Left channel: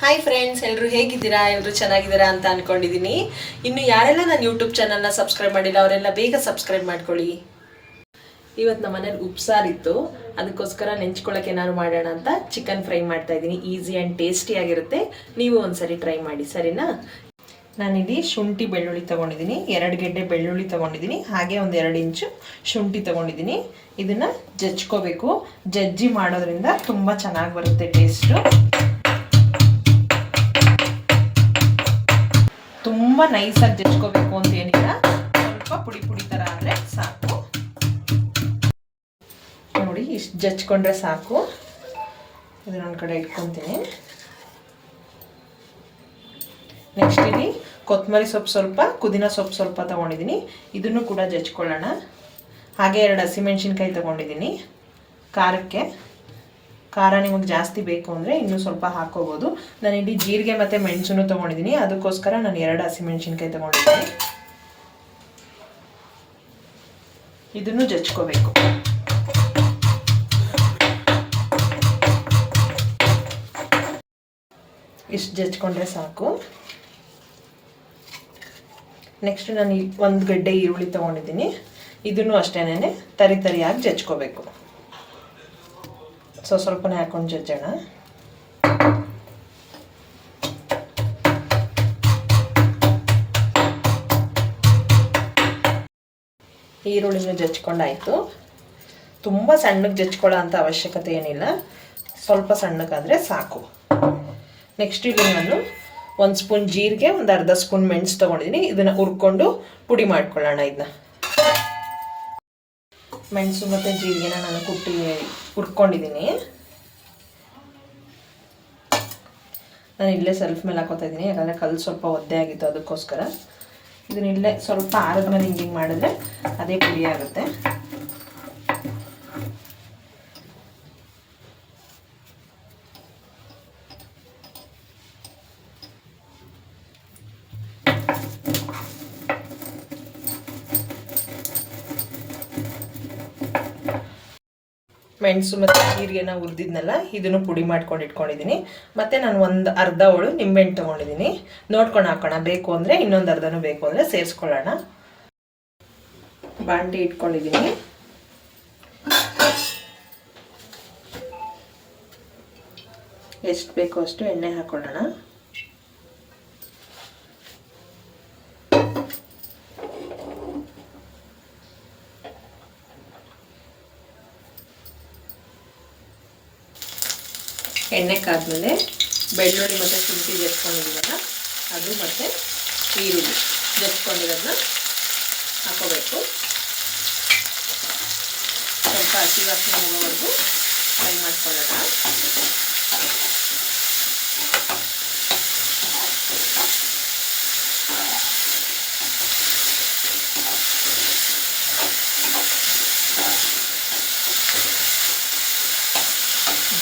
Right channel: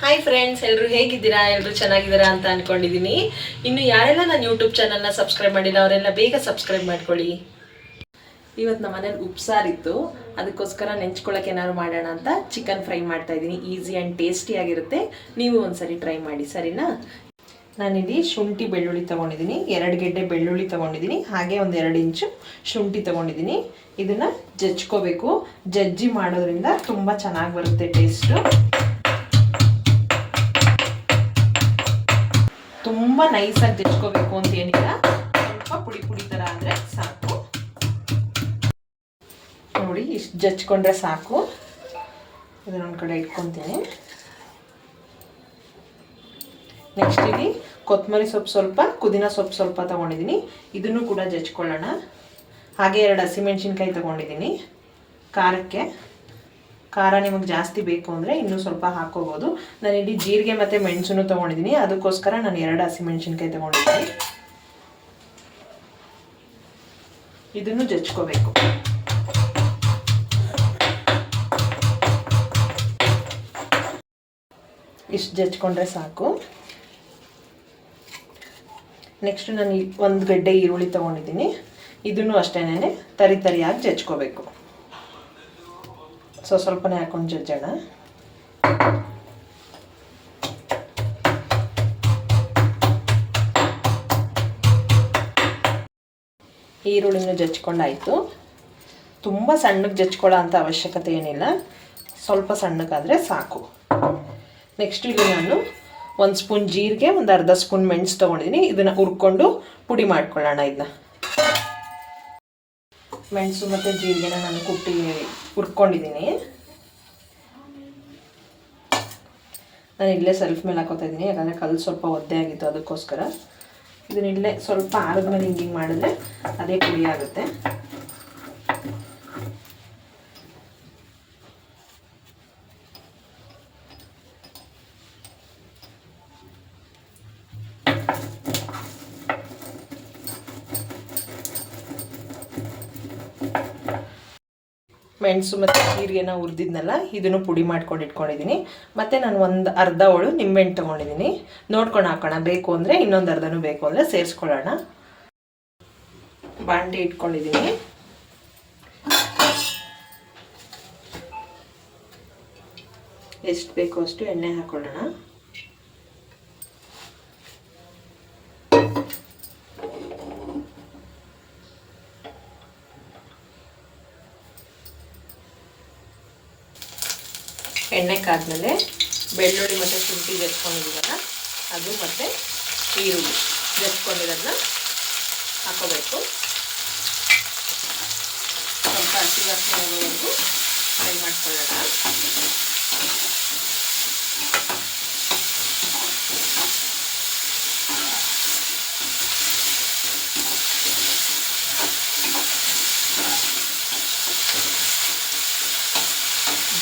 Hi friends, ಎಲ್ಲರೂ ಹೇಗಿದ್ದೀರಾ? ಎಲ್ಲರೂ ಚೆನ್ನಾಗಿದ್ದೀರಾ ಅಂತ ಅನ್ಕೊಂಡಿದ್ದೀನಿ. ಇನ್ನು ಯಾರೆಲ್ಲ ನನ್ನ ಯೂಟ್ಯೂಬ್ ಚಾನಲ್ನ ಸಬ್ಸ್ಕ್ರೈಬ್ ಮಾಡಿಲ್ಲ ಅವರೆಲ್ಲ ಬೇಗ ಸಬ್ಸ್ಕ್ರೈಬ್ ಮಾಡ್ಕೊಳ್ಳಿ. ಇವತ್ತು ನಮ್ಮ ಮನೇಲಿ ಉಪ್ಸಾರಿತ್ತು, ಅದಕ್ಕೋಸ್ಕರ ನೆಂಚ್ಕೊಳ್ಳೋಕೆ ಏನಾದ್ರು ಮಾಡೋಣ ಅಂತ ಚಿಕನ್ ಫ್ರೈ ಮಾಡ್ತಾ ಇದ್ದೀನಿ. ಈಸಿ ಆ್ಯಂಡ್ ಟೇಸ್ಟಿಯಾಗಿರುತ್ತೆ. ನೀವು ಒಂದ್ಸರಿ ಟ್ರೈ ಮಾಡಿ, ಸರಿನಾ? ನಾನಿಲ್ಲಿ ಶುಂಠಿ ಬೆಳ್ಳುಳ್ಳಿ ತೊಗೊಂಡಿದ್ದೀನಿ, 2 ಗೆಡ್ಡೆ ಬೆಳ್ಳುಳ್ಳಿ ತೊಗೊಂಡಿದ್ದೀನಿ, ಹಾಗೆ ಒಂದು 2 ಇಂಚು ಶುಂಠಿ ತೊಗೊಂಡಿದ್ದೀನಿ. ಇದನ್ನು ಜಜ್ಕೋಬೇಕು. ಜಜ್ಜಿ ಮಾಡೋದ್ರಿಂದ ತುಂಬ ಚೆನ್ನಾಗಿ ಬರುತ್ತೆ ಟೇಸ್ಟು. ತುಂಬ ನೈಸಾಗಿ ಜಜ್ಕೋಬೇಕು ಅಂತ ಏನಿಲ್ಲ, ಸ್ವಲ್ಪ ಪುಡಿ ಪುಡಿ ಥರ ಆದರೆ ಸಾಕು. ನೋಡಿ, ಇಷ್ಟು ಜಜ್ಕೊಂಡ್ರೆ ಸಾಕು. ಇದನ್ನೊಂದು ಕಡೆ ಇಟ್ಕೊತೀನಿ. ನೆಕ್ಸ್ಟ್ ಇಲ್ಲಿ ಕೊತ್ತಂಬರಿ ಸೊಪ್ಪು ಸ್ವಲ್ಪ, ಪುದೀನ ಸೊಪ್ಪು ಸ್ವಲ್ಪ ತೊಗೊಂಡಿದ್ದೀನಿ. ಇದನ್ನು ಕೂಡ ಜಜ್ಕೊಳ್ಳೋಣ. ಹಾಗೆ 2 ಹಸಿಮೆಣ್ಸಿನ್ಕಾಯಿ ತೊಗೊಂಡಿದ್ದೀನಿ. ಖಾರಕ್ಕೆ ಖಾರ ನಿಮಗೆ ಜಾಸ್ತಿ ಬೇಕು ಅಂದರೆ ಇನ್ನೂ ಸ್ವಲ್ಪ ಹಾಕೋಬೋದು. ನಾನಿಲ್ಲಿ ಜೀರಿಗೆ ಮತ್ತು ಮೆಣಸನ್ನು ತೊಗೊಂಡಿದ್ದೀನಿ, ಅದಕ್ಕೋಸ್ಕರ ನಾನು 2 ಹಸಿಮೆಣ್ಸಿನ್ಕಾಯಿ ತೊಗೊಂಡಿದ್ದೀನಿ. ಇದನ್ನು ಜಜ್ಕೋಬೇಕು. ಇಷ್ಟು ಜಜ್ಕೊಂಡ್ರೆ ಸಾಕು. ನೆಕ್ಸ್ಟ್ ನಾನು 1 ಗಡ್ಡೆ ಈರುಳ್ಳಿ ತೊಗೊಂಡಿದ್ದೀನಿ. ಇದನ್ನು ಅಷ್ಟೇನೆ ತರಿಯಾಗಿ ಜಜ್ಕೋಬೇಕು. ಸ್ವಲ್ಪನೇ ಹಾಕೊಂಡು ಜಜ್ಜೋಣ. ಈರುಳ್ಳಿನೂ ಜಜ್ಕೊಂಡಾಯಿತು. ತುಂಬ ಸಣ್ಣಗೆ ಜಜ್ಕೊಳ್ಳೋ ಅಂಥ ಅವಶ್ಯಕತೆ ಏನಿಲ್ಲ, ಸ್ವಲ್ಪ ಸಣ್ಣಗಾದರೆ ಸಾಕು. ನೆಕ್ಸ್ಟ್ ಇಲ್ಲಿ ನಾನು 1 ಸ್ಪೂನ್ ಜೀರಿಗೆ, ಒಂದು ಅರ್ಧ ಸ್ಪೂನ್ ಮೆಣಸು ತೊಗೊಂಡಿದ್ದೀನಿ. ಇದನ್ನು ಹುರ್ಕೊಂಡು ಪುಡಿ ಮಾಡ್ಕೊಳ್ಳೋಣ. ಇದನ್ನ ಮೆಣಸು ಮತ್ತು ಜೀರಿಗೆನ ನಾನು ಕುಟ್ಟಿ ಹುರ್ಕೊಂಡಿದ್ದೀನಿ. ನಾನು ಇಲ್ಲೇ ಸೆಲ್ಫ್ ಮೇಲೆ ಹಾಕೋತಾ ಇದ್ದೀನಿ, ಯಾಕಂದರೆ ಕಲ್ಲು ಸ್ವಲ್ಪ ಒದ್ದೆ ಆಗಿತ್ತು, ಅದಕ್ಕೋಸ್ಕರ. ಇದನ್ನ ಇಲ್ಲೇ ಸ್ವಲ್ಪ ಆರದ ಮೇಲೆ ಹಿಂಗೆ ಮಾಡಿದ್ರೆ ಅದೇ ಪುಡಿ ಆಗುತ್ತೆ. ಮೆಣಸು ಮತ್ತು ಜೀರಿಗೆನ ಹುರಿದಿದ್ನಲ್ಲ, ಇದನ್ನು ಪುಡಿ ಮಾಡ್ಕೊಂಡು ಇಟ್ಕೊಂಡಿದ್ದೀನಿ. ಮತ್ತು ನಾನು ಒಂದು ಅರ್ಧ ಹೋಳು ನಿಂಬೆಹಣ್ಣು ತೊಗೊಂಡಿದ್ದೀನಿ. ನೋಡ್ಕೊಂಡು ಹಾಕೋಣ, ಬೇಕು ಅಂದರೆ ಇನ್ನೊಂದು ಅರ್ಧನೂ ಬೇಕು ಅಂದರೆ ಸೇರಿಸ್ಕೊಳ್ಳೋಣ. ಬಾಂಡೆ ಇಟ್ಕೊಂಡಿದ್ದೀನಿ. ಎಷ್ಟು ಬೇಕೋ ಅಷ್ಟು ಎಣ್ಣೆ ಹಾಕೊಳ್ಳೋಣ. ಎಣ್ಣೆ ಕಾದ್ಮೇಲೆ ಬೆಳ್ಳುಳ್ಳಿ ಮತ್ತು ಶುಂಠಿ ಜಜ್ಕೊಂಡಿದ್ದೀವಲ್ಲ ಅದು ಮತ್ತು ಈರುಳ್ಳಿ ಜಜ್ಕೊಂಡಿರೋದನ್ನ ಹಾಕೋಬೇಕು. ಸ್ವಲ್ಪ ಹಸಿ ವಾಸನೆ ಹೋಗೋವರೆಗೂ ಫ್ರೈ ಮಾಡ್ಕೊಳ್ಳೋಣ.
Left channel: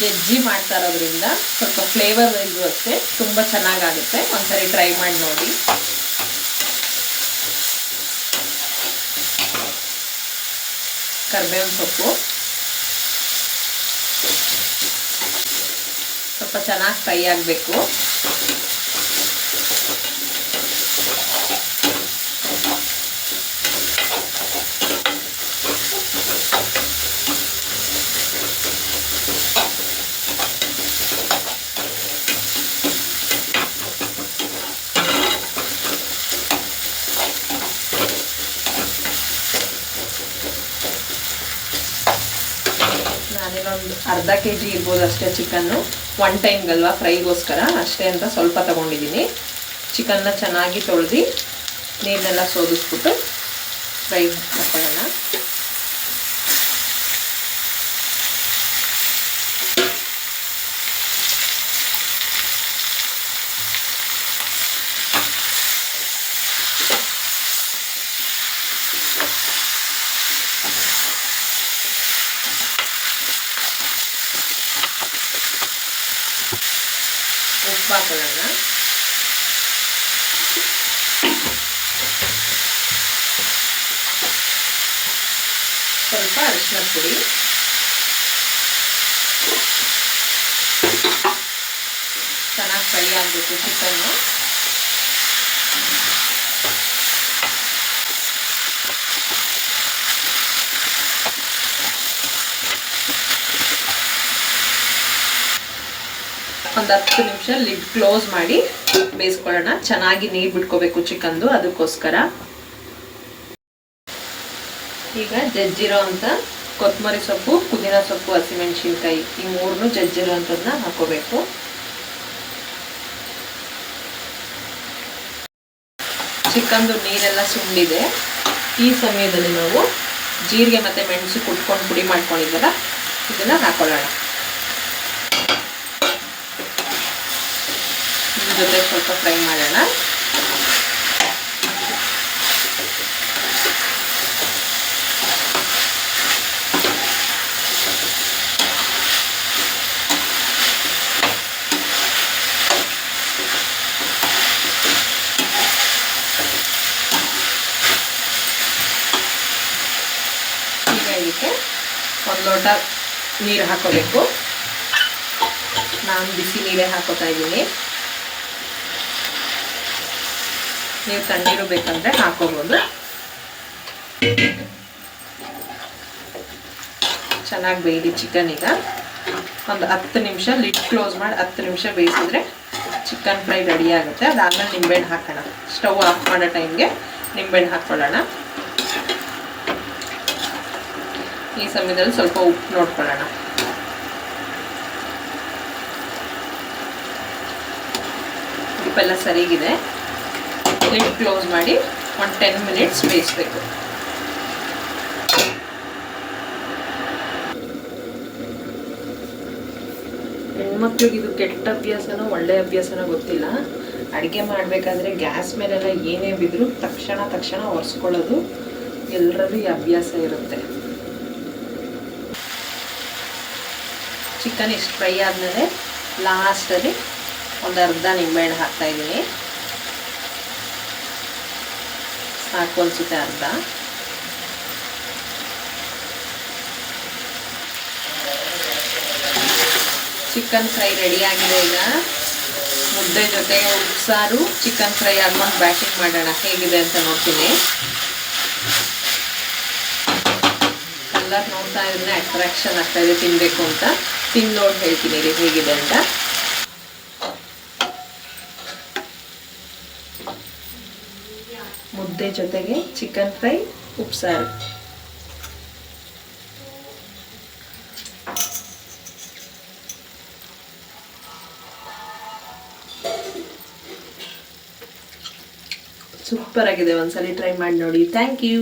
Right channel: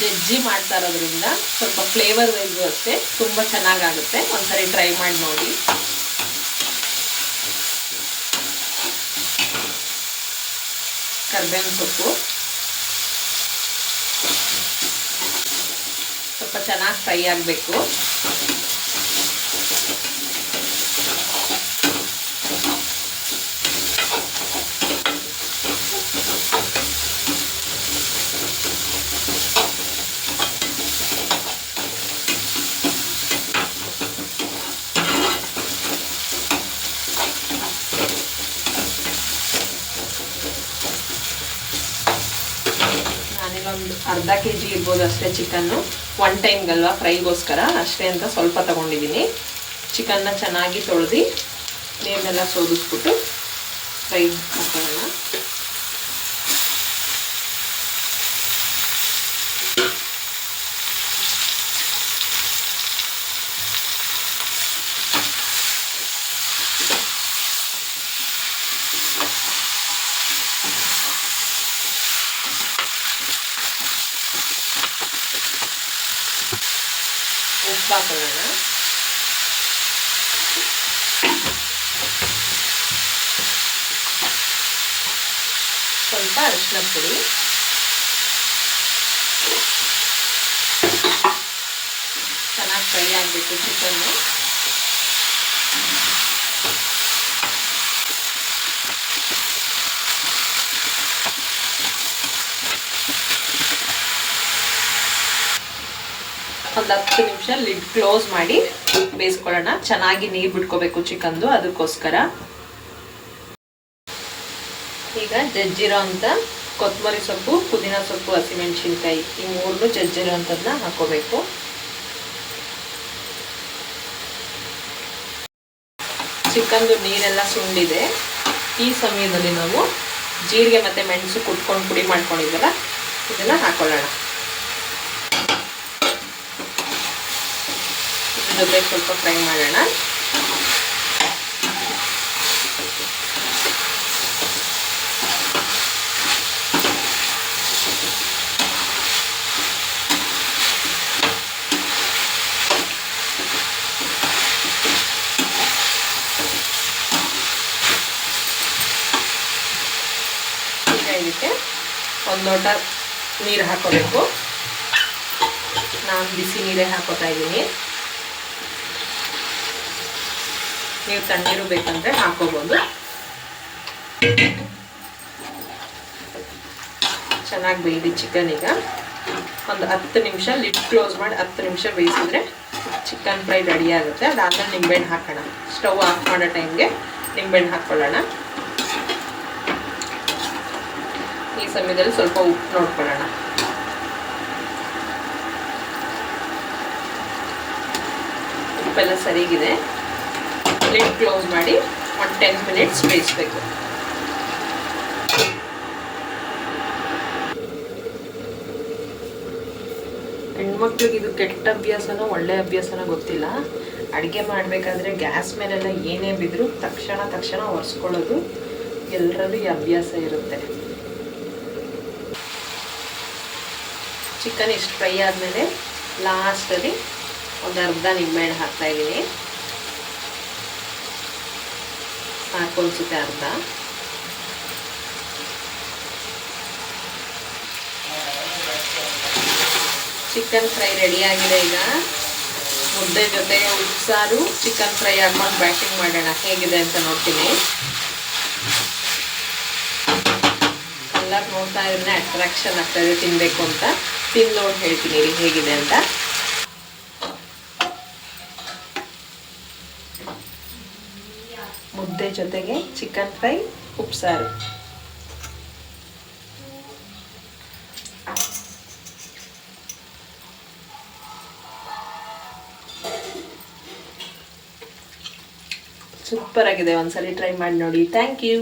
ಜಜ್ಜಿ ಮಾಡ್ತಾ ಇರೋದ್ರಿಂದ ಸ್ವಲ್ಪ ಫ್ಲೇವರ್ ವೈಸು ಅಷ್ಟೇ ತುಂಬ ಚೆನ್ನಾಗಾಗುತ್ತೆ. ಒಂದ್ಸರಿ ಟ್ರೈ ಮಾಡಿ ನೋಡಿ. ಕರಿಬೇವಿನ ಸೊಪ್ಪು ಸ್ವಲ್ಪ ಚೆನ್ನಾಗಿ ಫ್ರೈ ಆಗಬೇಕು. ನಾನೇನೊಂದು ಅರ್ಧ kg ಇರ್ಬೋದು ಅಷ್ಟೇ ಚಿಕನ್ನು. 1 ಟೈಮ್ಗಲ್ವಾ, ಫ್ರೈಗೋಸ್ಕರ ಅಷ್ಟೇ ಅಂತ ಸ್ವಲ್ಪ ತೊಗೊಂಡಿದ್ದೀನಿ. ಚಿಕನ್ನ ಚೆನ್ನಾಗಿ ತೊಳೆದು ನೀರನ್ನೆಲ್ಲ ಸೋದಿಸ್ಬಿಟ್ಟು ಫ್ರೈ ಹಾಕೊಳ್ಳೋಣ. ಉಪ್ಪು ಹಾಕೊಳ್ಳೋಣ. ಸ್ವಲ್ಪ ಅರಿಶಿನ ಪುಡಿ, ಚೆನ್ನಾಗಿ ಫ್ರೈ ಆಗಬೇಕು ಚಿಕನ್ನು. ಒಂದು 10 ನಿಮಿಷ ಲಿಡ್ ಕ್ಲೋಸ್ ಮಾಡಿ ಬೇಯಿಸ್ಕೊಳ್ಳೋಣ. ಚೆನ್ನಾಗಿ ನೀರು ಬಿಟ್ಕೋಬೇಕು ಚಿಕನ್ದು, ಅದಕ್ಕೋಸ್ಕರ. ಈಗ ಜಜ್ಜಿರೋ ಅಂತ ಕೊತ್ತಂಬರಿ ಸೊಪ್ಪು, ಪುದೀನ ಸೊಪ್ಪು, ಹಸಿಮೆಣಸಿನ್ಕಾಯಿ ಈ 3 ಜಜ್ಜಿರೋ ಅಂಥದ್ದನ್ನ ಹಾಕೋಬೇಕು. ಚಿಕನ್ದು ನೀರೆಲ್ಲ ಸುಂಡಿದೆ. ಈ ಸಮಯದಲ್ಲಿ ನಾವು ಜೀರಿಗೆ ಮತ್ತು ಮೆಣಸು ಕುಟ್ಕೊಂಡು ಪುಡಿ ಮಾಡ್ಕೊಂಡಿದ್ದಲ್ಲ ಇದನ್ನು ಹಾಕೊಳ್ಳೋಣ. ಇದ್ರ ಜೊತೆ ಸ್ವಲ್ಪ ಫ್ರೈ ಮಾಡೋಣ. ಇದಕ್ಕೆ 1 ಲೋಟ ನೀರು ಹಾಕೋಬೇಕು. ನಾನು ಬಿಸಿ ನೀರೇ ಹಾಕೋತಾ ಇದ್ದೀನಿ. ನೀವು ತಣ್ಣೀರು ಬೇಕಂದ್ರೆ ಹಾಕೋಬೋದು. ಚೆನ್ನಾಗಿ ಬೇಯಿರಿ ಚಿಕನ್. ಈಗ ಒಂದು 10 ನಿಮಿಷ ಲಿಡ್ ಕ್ಲೋಸ್ ಮಾಡಿ 10 ನಿಮಿಷ ಬೇಯಿಸಿದ್ರೆ ಚಿಕನ್ ಫ್ರೈ ರೆಡಿ ಆಗುತ್ತೆ. ಅದಾದ್ಮೇಲೆ ನಿಂಬೆಹಣ್ಣು ಹಾಕೋಣ. ಸ್ಟವ್ ಆಫ್ ಮಾಡೋ ಟೈಮ್ಗೆ ನಿಂಬೆಹಣ್ಣು ಹಾಕ್ಕೊಳ್ಳೋಣ. ಈ ಸಮಯದಲ್ಲಿ ಸ್ವಲ್ಪ ಉಪ್ಪು ನೋಡ್ಕೊಳ್ಳೋಣ. ಉಪ್ಪೆಲ್ಲ ಸರಿಗಿದೆ. ಲಿಡ್ ಕ್ಲೋಸ್ ಮಾಡಿ ಒಂದು 10 ಮಿನಿಟ್ಸ್ ಬೇಯಿಸಬೇಕು. ಹೆಣ್ಮಕ್ಳಿಗೆ ಇದು ಕೆಟ್ಟ ಅಭ್ಯಾಸನೋ ಒಳ್ಳೆ ಅಭ್ಯಾಸನೋ ಗೊತ್ತಿಲ್ಲ. ಅಡುಗೆ ಮಾಡಬೇಕಾದ್ರೆ ಗ್ಯಾಸ್ ಮೇಲೆಲ್ಲ ಏನೇ ಬಿದ್ದರೂ ತಕ್ಷಣ ಒರೆಸ್ಕೊಳ್ಳೋದು ಎಲ್ಲರಲ್ಲೂ ಈ ಅಭ್ಯಾಸ ಇರುತ್ತೆ. ಚಿಕನ್ ಇಷ್ಟು ಫ್ರೈ ಆದಮೇಲೆ ಲಾಸ್ಟಲ್ಲಿ ಒಂದು ಅರ್ಧ ನಿಂಬೆಹಣ್ಣು ಹಾಕ್ತಾಯಿದ್ದೀನಿ. ಸಾಕು ಅನಿಸುತ್ತೆ ಅರ್ಧ. ಚಿಕನ್ ಫ್ರೈ ರೆಡಿಯಾಗಿದೆ. ಈಗ ಮುದ್ದೆ ಜೊತೆ ಉಪ್ಸಾರು ಚಿಕನ್ ಫ್ರೈ ಹಾಕೊಂಡು ಬ್ಯಾಟಿಂಗ್ ಮಾಡೋಣ. ಹೇಗಿದೆ ಅಂತ ನೋಡ್ತೀನಿ. ಕಲರ್ ನೋಡ್ತಾ ಇದ್ರೆ ಅಟ್ರಾಕ್ಷನ್ ಆಗ್ತಾಯಿದೆ ತಿನ್ನಬೇಕು ಅಂತ. ತಿಂದು ನೋಡಿ ಹೇಳ್ತೀನಿ ರೀ ಹೇಗಿದೆ ಅಂತ. ಮುದ್ದೆ ಜೊತೆಗೆ ಚಿಕನ್ ಫ್ರೈ, ಉಪ್ಸಾರು. ಸೂಪರ್ ಆಗಿದೆ. ಒಂದ್ಸಲಿ ಟ್ರೈ ಮಾಡಿ ನೋಡಿ. Thank you.